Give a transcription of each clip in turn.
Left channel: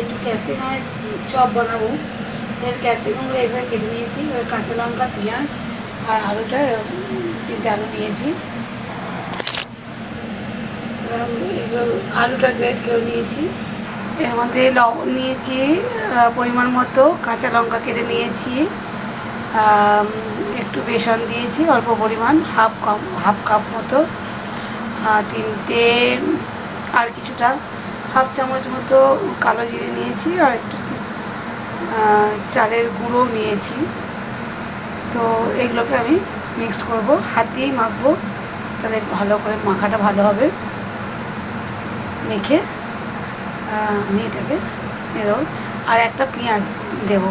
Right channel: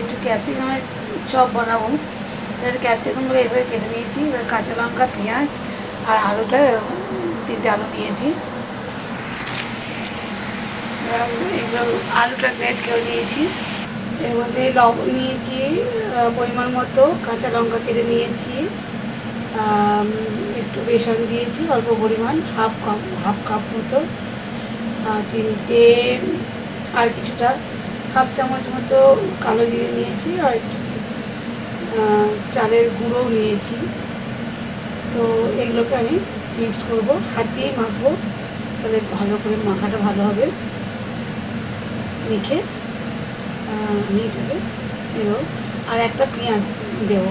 একটু ক্যাপসিকামের চপ বানাবো। ক্যাপসিকামগুলো এভাবে কেটে নিয়েছি। এবার কাঁচা লঙ্কা, পেঁয়াজ আর আলুটা 3টে আলু নিয়েছি। এগুলো আলুটা গ্রেট করে নিয়েছি। এর মধ্যে লবণ নিয়েছি পরিমাণ মতো, কাঁচা লঙ্কা কেটে নিয়েছি, একটু বেসন দিয়েছি অল্প পরিমাণ, হাফ কাপ মতো, 3টে আর কিছুটা হাফ চামচ মতো কালো জিরে নিয়েছি, আর একটু চালের গুঁড়ো নিয়েছি। তো এগুলোকে আমি মিক্সড করব, হাত দিয়েই মাখবো, তাহলে ভালো করে মাখাটা ভালো হবে। মেখে আমি এটাকে দেবো, আর একটা পেঁয়াজ দেবো।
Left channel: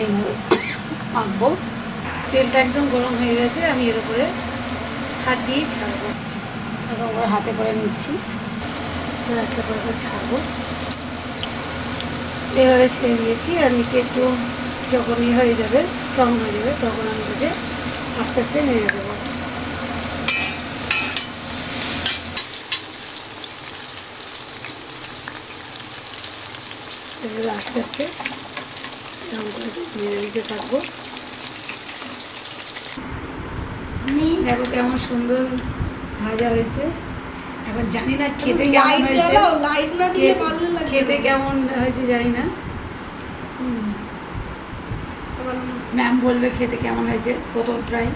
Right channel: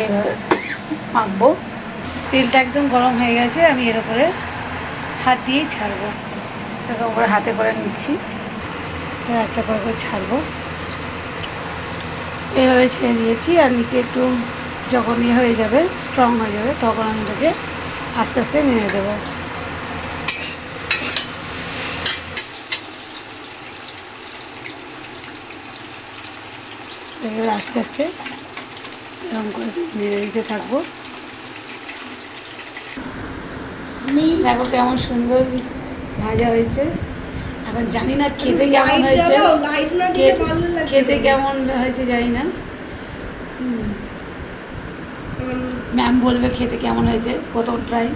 এইভাবে মাখবো। তেলটা একদম গরম হয়ে গেছে, আমি এর উপরে হাত দিয়েই ছাড়বো। এরকম করে হাতে করে নিচ্ছি, একটা করে ছাড়বো। এভাবে ছেড়ে দিয়েছি, আর নিচে একটু যখন হয়ে যাবে, স্ট্রং হয়ে যাবে, তখন আমি এটাকে আস্তে আস্তে নেড়ে দেবো। আস্তে আস্তে এরকম করে নেড়ে দিতে থাকবো। দেখো কেমন সুন্দর ভাজা হয়েছে। এখন জানি না খেতে কেমন হয়েছে, খেতে কেমন হয়েছে জানি না। ম্যাম বলবে খেতে কেমন হয়েছে, প্রথম ট্রাই।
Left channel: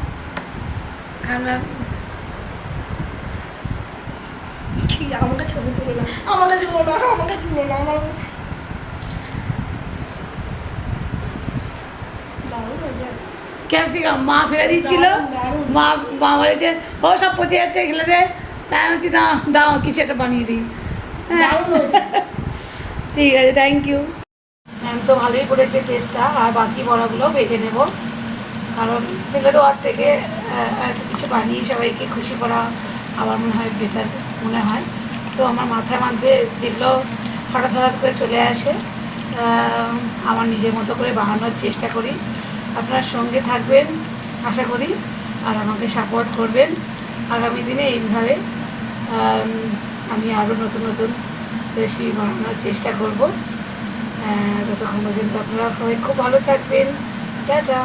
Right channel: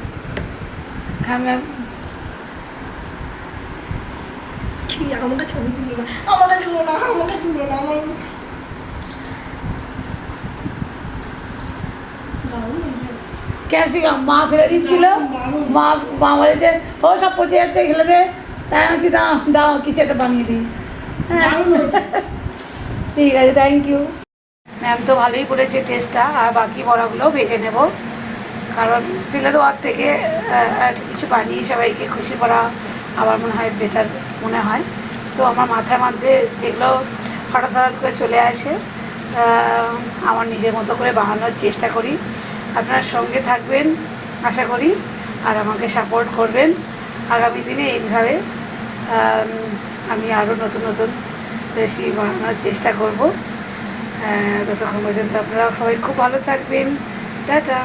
খান ম্যাম। আমাকে ছবি তুলো না, আমাকে তুলো না, আমাকে তুলো না, আমার ক্যাপসিকাম মা ফেলে দিচ্ছিল, মা মা বলেছে ও সব পচে যাচ্ছে, খেলে দে। তাই আমি বলছি দাও দাও কিছু একটা বানিয়ে দিই। হ্যাঁ ঠিক আছে, থ্যাংক ইউ ম্যাম। তো ভালোই করেছে টেস্টটা। আর বাকি বড়াগুলোও ভেজে নেব, কারণ ফেলে দেওয়ার থেকে কিছু বানিয়ে সবাইকে খুশি করা আমার মনে হয় বেটার মনে হয়। তো আমার মাথার মধ্যে যেগুলো হঠাৎ হঠাৎ করে চলে আসে, আমার নিজের মতো করে বানানোর চেষ্টা করি। আপনারা সঙ্গে থাকবেন আশা করি, আর আমাকে সাপোর্ট করবেন। আগামী দিনে এইভাবে আমি আরও নতুন নতুন রেসিপি বানানোর চেষ্টা করব। ততক্ষণ পর্যন্ত আপনারা সবাই খুব ভালো থাকবেন। টাটা।